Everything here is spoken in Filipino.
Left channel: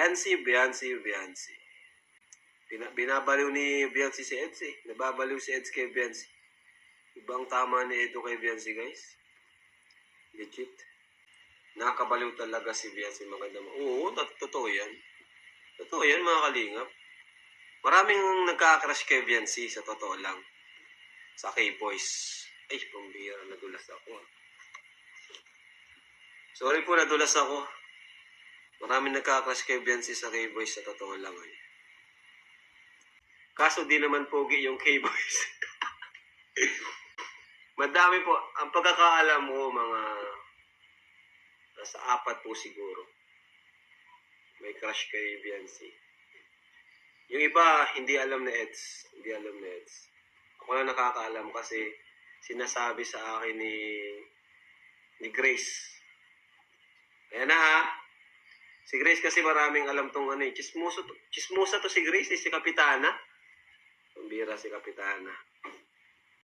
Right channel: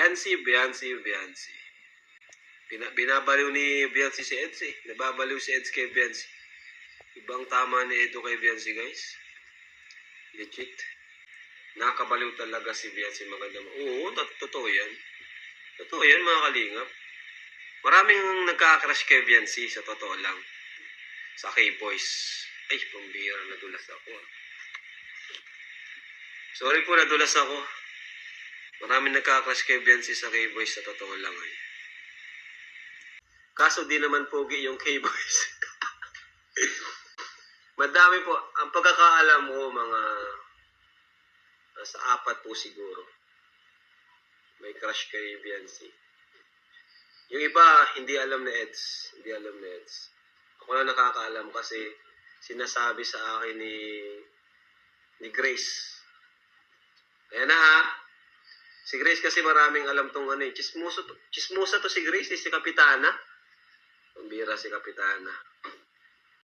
Biancy. Binabaliw ni Biancy si Eds eh. Nababaliw si Eds kay Biancy. Ibang tama ni Edo kay Biancy, guys. Legit. Nakakabaliw talaga si Biancy. Maganda mo. Oo, totoo yan. Totoo yan, mga kalingap. Maraming nagka-crush kay Biancy, sa totoo lang. Sa K-Boys. Ay, pambira, nadulas ako. Sorry po, nadulas ako. Maraming nagka-crush kay Biancy sa K-Boys, sa totoo lang. Eh. Kaso di naman pogi yung K-Boys. Madami po. Ang pagkakaalam mo, mga nasa 4 po siguro. May crush kay Biancy. Yung iba, hindi alam na Eds. Hindi alam na Eds. Ako lang nakakaalam kasi sinasabi sa akin ni Grace. Ayan na ha. Si Grace kasi maraming alam tong ano eh. Chismosa to si Grace, si Kapitana. Pambira si Kapitana.